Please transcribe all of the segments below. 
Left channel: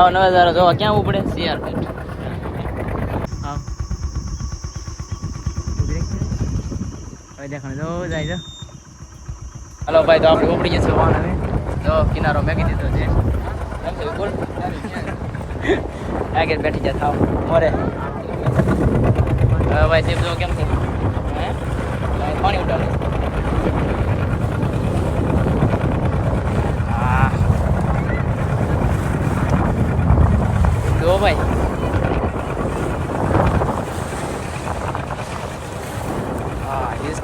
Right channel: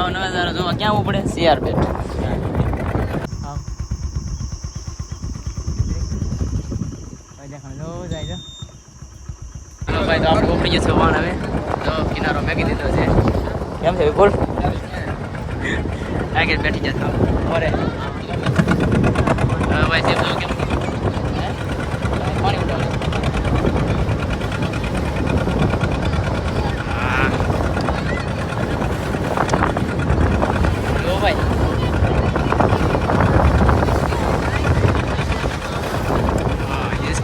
આવો નજારો જોવા ક્યાં આવવું પડે? સીઆર જાય જો. હાલો ભાઈ તો આપણે ઉપડી જશું વાન હવે. જો કિનારો મેગી દીધો છે. કેમ છે વિપુલ? આગળ બેઠી જતા અરે. હવે ભાઈ તે કેમ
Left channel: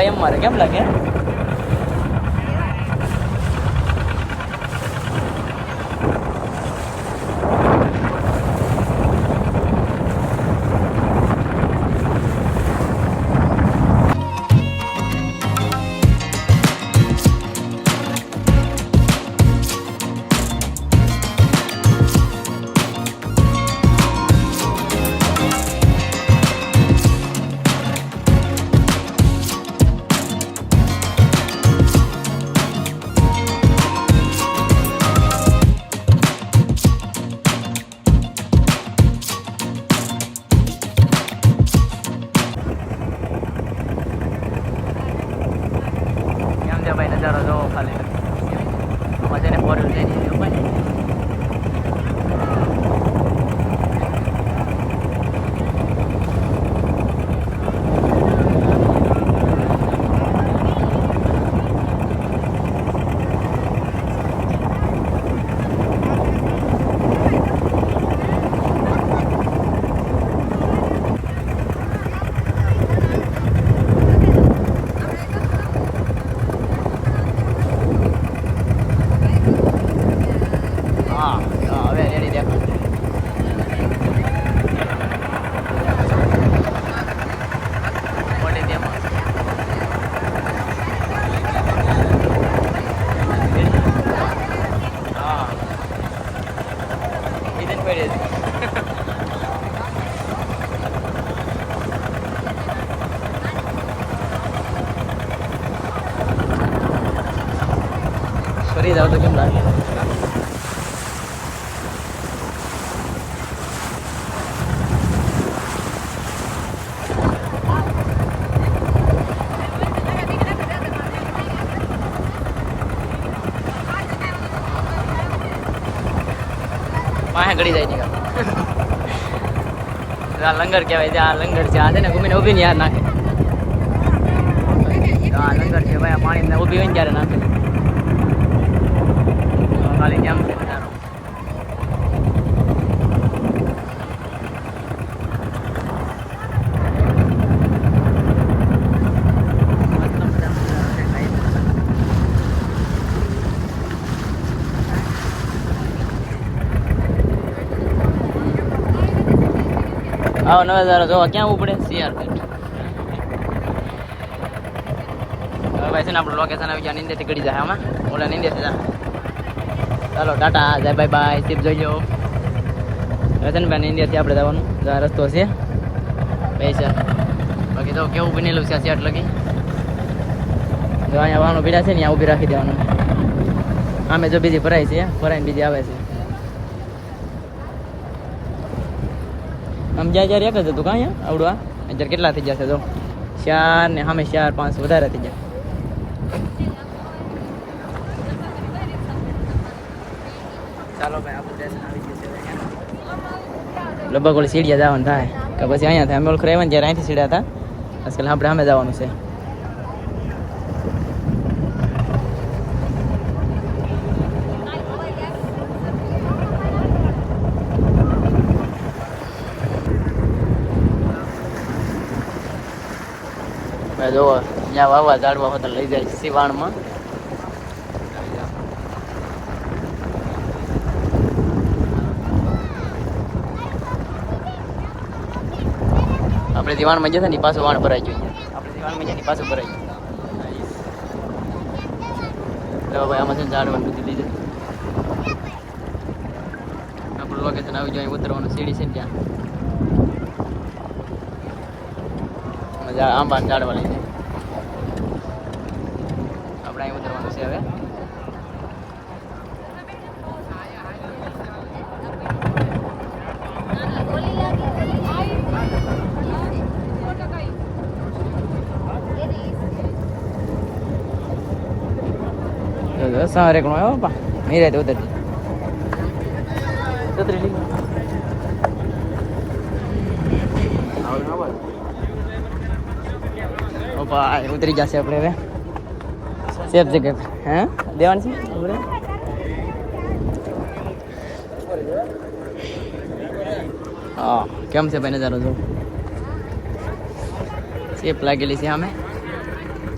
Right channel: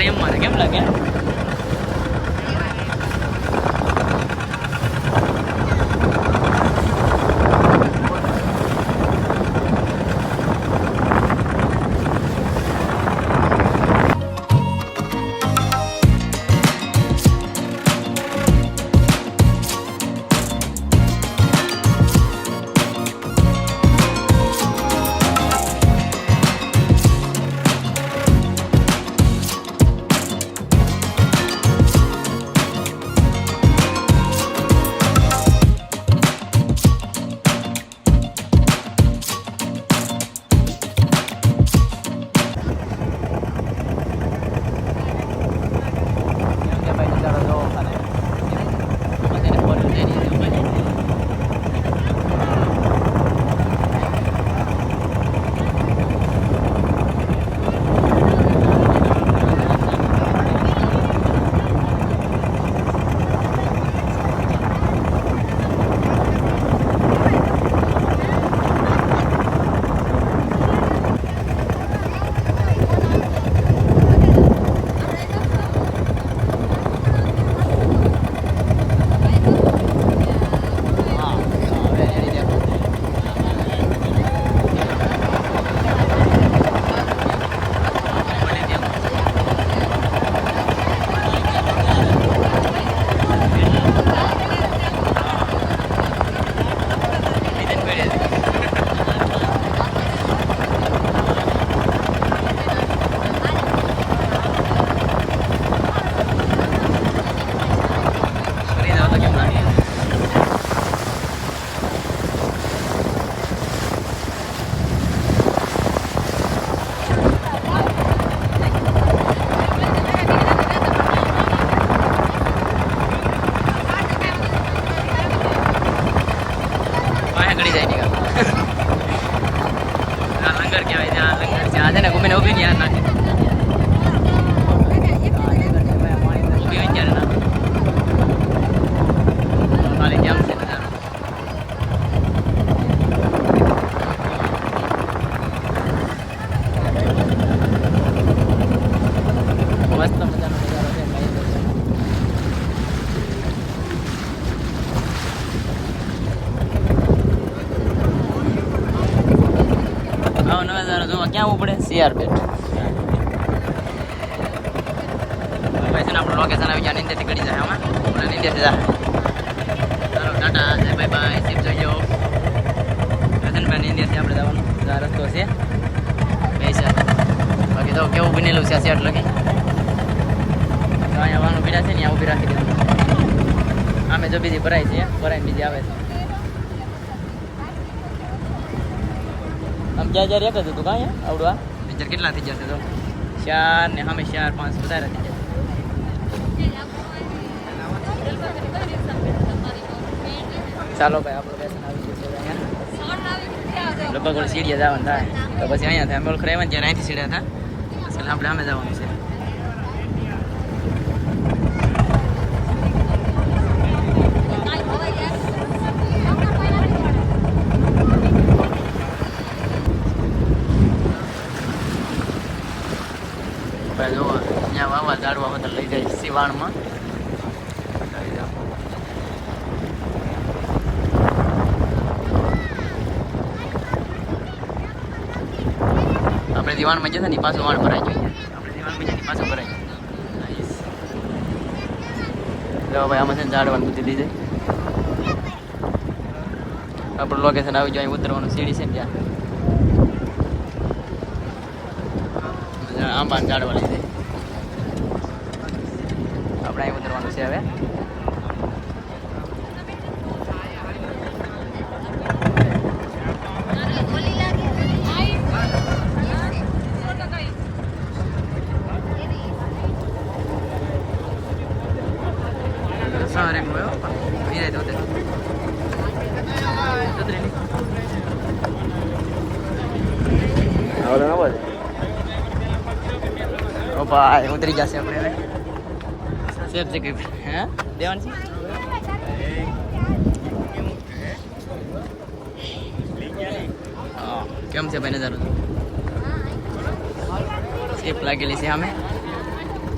કાયમ મારે કેમ લાગે? ફરી જાવ તો કેમ લાગે વાહ ગળી જાય નીકળ આ લંગર કહેવાય છે આ લંગર છે આ છે ને ગુમીને ઊભી નહીં યાર નાખે આ લંગર છે ભાઈ આ પાણી ઊભી હોય ને ત્યારે નાખે ખાલી કેમ છે નજારો? નજારો છે ભાઈ જોવા. ક્યાં ઉપડે? પડે સીઆર બેટ. એમાં છે ને આપણું લોકેશન આવી જાય નિંદેથી ગળી જાય આમાં. ઓલા નિંદેથી જાય. ચાલો ટાટા જય બાય બાય સીપ જોઈજો હવે ઇન્ડિયાથી ભાઈ આપણે જવાનું. આ રસ્તો છે. પૈસા બાકી તો કેવું બનેલું છે આ સેટ લગી? તો અહીંયા વાળો બીજા છે ને ત્યાં ઊભી રાખી દેવાનું. આમે જો બીજી ભરાય છે ભરાય બીજી આવે છે. અત્યારે કેટલા થઈ જશે તો ચાર ને સામે ચાર પાંચ વધારે થઈ જાય ચાલો ભાઈ, આપણું સ્ટેશન આવી ગયું છે ભાઈ. લગભગ ઓલી સીડિયા જવાનું થાય. પછી અહીંયા થાય. અમે ઓળખ રહેવા ને જ્યારે અહીંથી સીડ્યા હતા અસલ આપણે સામે જવાનું છે. ભાઈ જો ત્યાં વાવા ઝાડવા હોતા લઈ જાય સિવાણમાં આપણે દિવાણમાં જતા ને પાછું વાણ ભરાય આપણે દિવાણમાં જતા પાછું ભરાય જો ભાઈ, આમાં છે ને ઝાડવાનું મૂકી દીધે. આપણું લોકેશન આવી જાય ઉતરવાનું સીડી છે ને ત્યાં. આંબા આંબાને ઝાડવા લઈ જાય. આપણે અહીં ઉતરવાનું છે હવે. રહેતો ઉતર ઓ ભાઈ, ઉતરી જશે આપણે હવે. સેફ જગ્યા હે? દેવાનું હા, કેમ છે ભાઈ નજારો સેફ લાગેલી છે અમે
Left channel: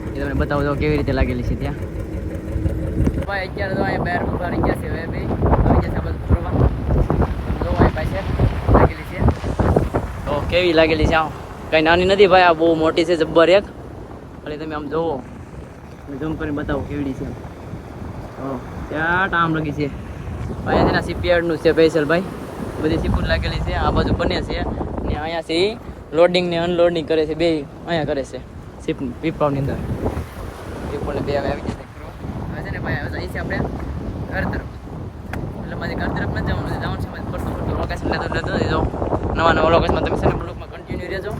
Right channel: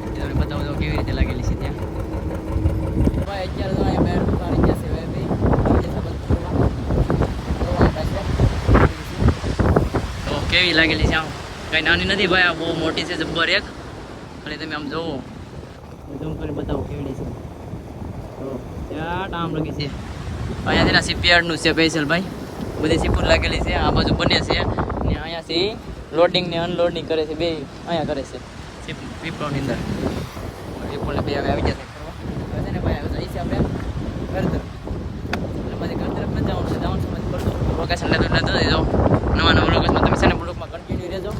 એ તમને બતાવું તો કેવી રીતે લાગેલી છે ત્યાં. ભાઈ, અત્યારે તો અહીંયા બહાર ઊભા રહી છે હવે ભાઈ આવી જશે આપણે ફરવા. તો કેવી લાગેલી છે આમ? કઈ નાની નથી ભાઈ, આ બહુ મોટી છે, જબ્બર એક. ખાલી તમે આમ જોવો. મેં ઝૂમ કરીને બતાવું કેવડી છે. તો ત્યાં ટામ લગી છે. અહીંયા છે ને શિપયાર્ડનું છે સ્પેશિયલ ભાઈ. બધી સીપુર લાગેલી છે. આ બાજુ બને છે. અને અહીંયાથી લોડિંગ ને અનલોડિંગ કરે છે, બે અહીંયા કરે છે. શિપ વિપ્રાવની અંદર. વિપ્રાવને બે અમે આવી જશે હવે છે ને ભાઈ, હવે જઈએ આપણે ઘર તરફ. એટલે મારી ઘર તરફ નથી જવાનું છે જવાનું છે મારે ફરતું ફરતું લોકેશન લેતું લેતું જજો. નવા નવા લોકેશનમાં તમે છે ને બ્લોકમાં કન્ટિન્યુ રહેજો.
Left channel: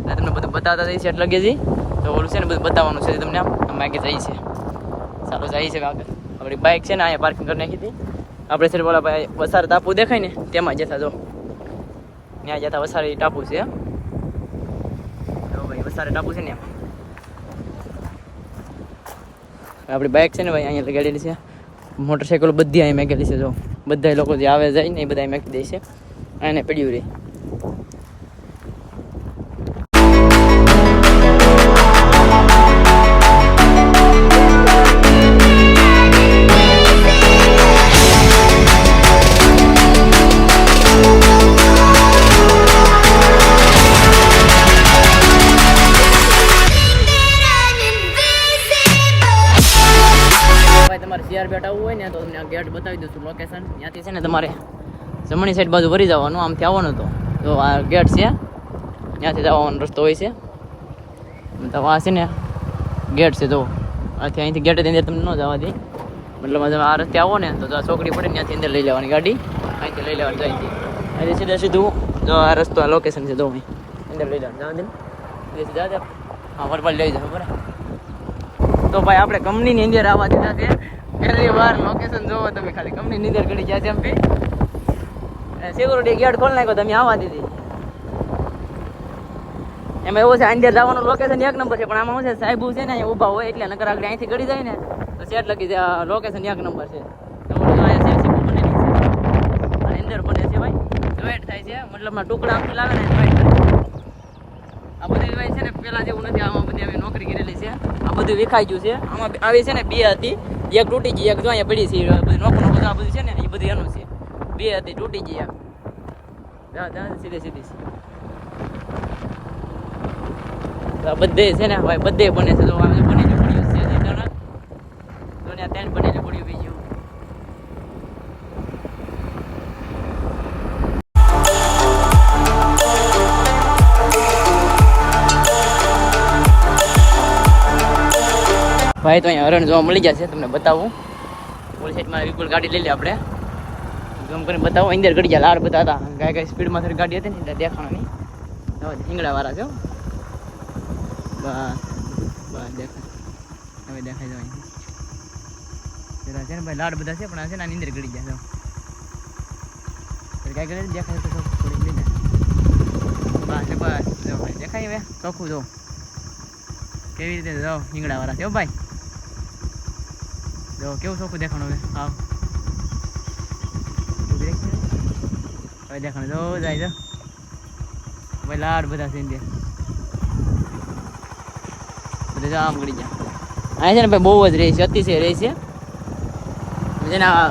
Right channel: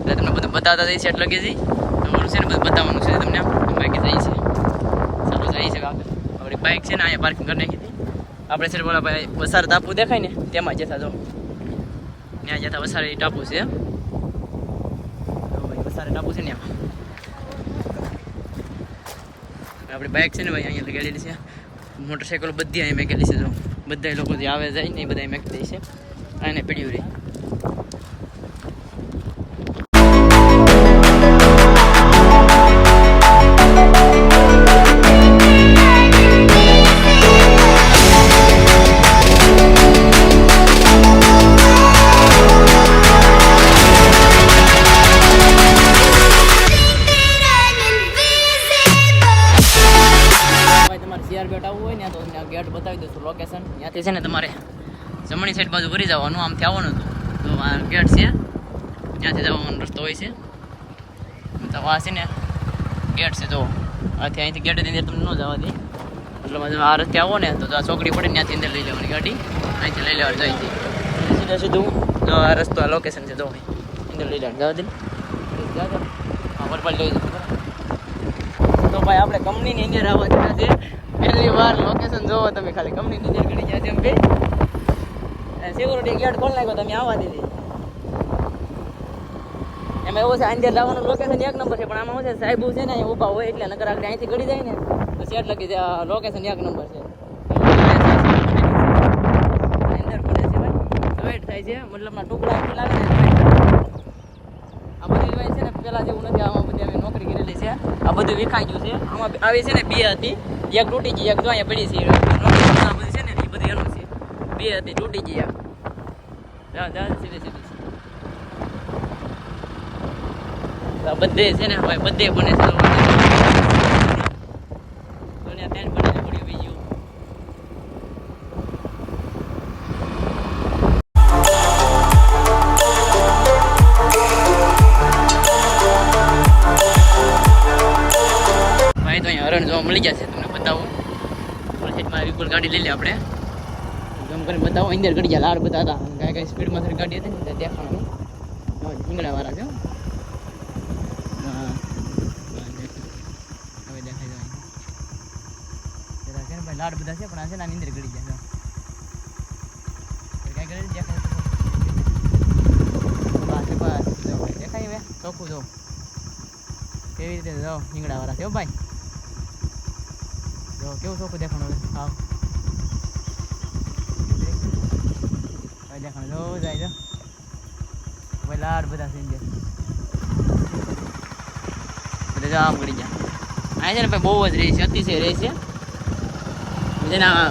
એટલે તમને બધું બતાવતા જઈશ એટલે લગેજી તો ઓલું છે ને બધું બતાવવાનું છે તમને. અમે આગળ જઈએ છીએ. ચાલો જઈએ છીએ આપણે. આપણી બાઇક છે ને અહીંયા પાર્કિંગ કરી નાખી હતી. આપણે છે બોલા ભાઈ વસાર ટાપુ દેખાય ને, તેમાં જતા જો. ત્યાં જતા વસારે ટાપુ છે. તો ભાઈ વસારે ટાપુ છે ને આમાં આપણી બાઇક છે ને ભાઈ, અહીંયા લગાડેલી છે. મોટરસાઇકલ બધી અહીંયા મેકેલી છે, જો. બધા લોકો જે આવે જાય ને એ બધા મેકી દે છે. એને પડ્યું રહે તમારે બેટ હોય ને તો તમને ગેટ બતાવી દઉં છું લોકેશન ત્યાંથી છે ને તમારે જમણી સાઈડ બાજુ કરી જવાનું આમથી આવવાનું તો. આ ગેટ છે, ત્યાંથી જવાનો રસ્તો હોય છે. તો આ છે ને ગેટ છે તો આથી અહીંથી ગેટ અંદર તમને ન જવા દે. મતલબ આ રસ્તે આવો ને તો આ ચોકડી પડે ને ત્યાંથી અંદર લઈ લેવાની ગાડી. અહીંથી લઈ લેવાની જાય એટલે સીધે સીધું જો, આ રસ્તો, આ લોકેશન છે અહીં. અંદર લઈ લેવાનું, જવા દે. લઈ જવું તો ભાઈ, આપણે કંપનીની અંદર આવવા દીધા છે. પહેલી વાર લોકેશન જોવો તમે ખાલી કંપની નીચે કરી ગયા છે એમ અને સિક્યુરિટી ગાર્ડ ખોલ નાખ્યો, તમે આવવા દીધી. એમાં એવું છે અંદર જવાનું લોકેશન એક નંબર છે, પણ આમાં શું છે, સાહેબ છે ને અહીંયા ઊભા હોય એટલે નકર આપણે અહીંથી કરી જાય ને તો સેટ લખી જાય લોકેશન એક નંબર છે. ભાઈ. જોઈન્ટ થાય છે મતલબમાં ટુકડા આપણે લાવે ને આ બધી ભાઈ છે ને, પેલા જેવું નથી, આમાં કરેલી છે. આ બધું વિખાઈ ગયું છે. આમાં આવી છે ને બે હતી. એક તૂટી ગઈ, એક જો અહીંયા પડી છે. આ બધી છે ને, એ બધી એનું છે. બે હતી, તૂટી ગઈ એક જા જા, સીધી સીધી. બધે છે ને ભાઈ બધે બને ભાઈ, તો અહીંયા હરણ જોવા મળી ગયા છે, તમને બતાવું. સાઈડમાં વિપુલ ગાડી લઈ લે આપણે. જમ કરીને બતાવું, અંદર ગડી ગયા લાડ બધા હતા. કાંઈ કઈ સ્પીડમાં થઈને ગાડી હતી ને, એટલે દેખાણ નહીં હવે શિંગડા વાળા છે હવે દેખાય જવાય. જરા છે ને ભાઈ, લાડ બધા છે, પણ આ છે ને આની અંદર ગડી ગયા છે. કઈ કરે દેખાય, તો બસ બસ. જો ભાઈ, દેખાય હવે ચોખ્ખું, જો. કેવી રીતે જાઓ શિંગડા વાળા છે ભાઈ. જો, કેવું ચોખ્ખું દેખાણું હવે? આવ. હવે દેખાણ જો, જાય જો ભાઈ લાડ બધા છે દે બધા જો આમ ગળી ગયા. અહીંયા છે ને ભાઈ બહુ જ રહે છે, અતિશય રહે છે. જેના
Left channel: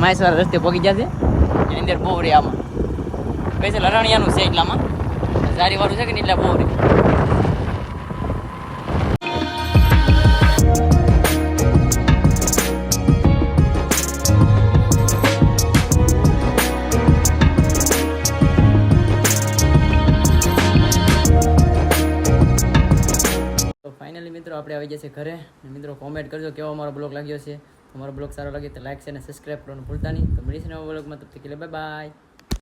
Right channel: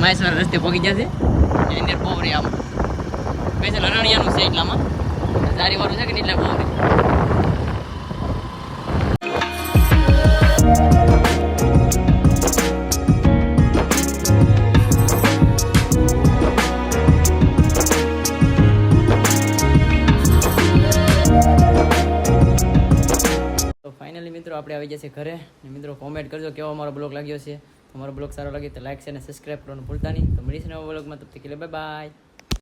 મહેશ્વર રસ્તે પગી ગયા છે. એની અંદર બહુ રહે આમ. પછી છે છે એટલામાં. સારી વાળું છે કે એટલે બહુ આપણે આવી જશે ઘરે. અને મિત્રો કોમેન્ટ કરજો કેવો અમારો બ્લોગ લાગ્યો છે. તમારો બ્લોગ સારો લાગે તો લાઈક છે અને સબસ્ક્રાઈબ કરવાનું ભૂલતા નહીં. તો મળીશું નવા બ્લોગમાં. તબ તક બાય બાય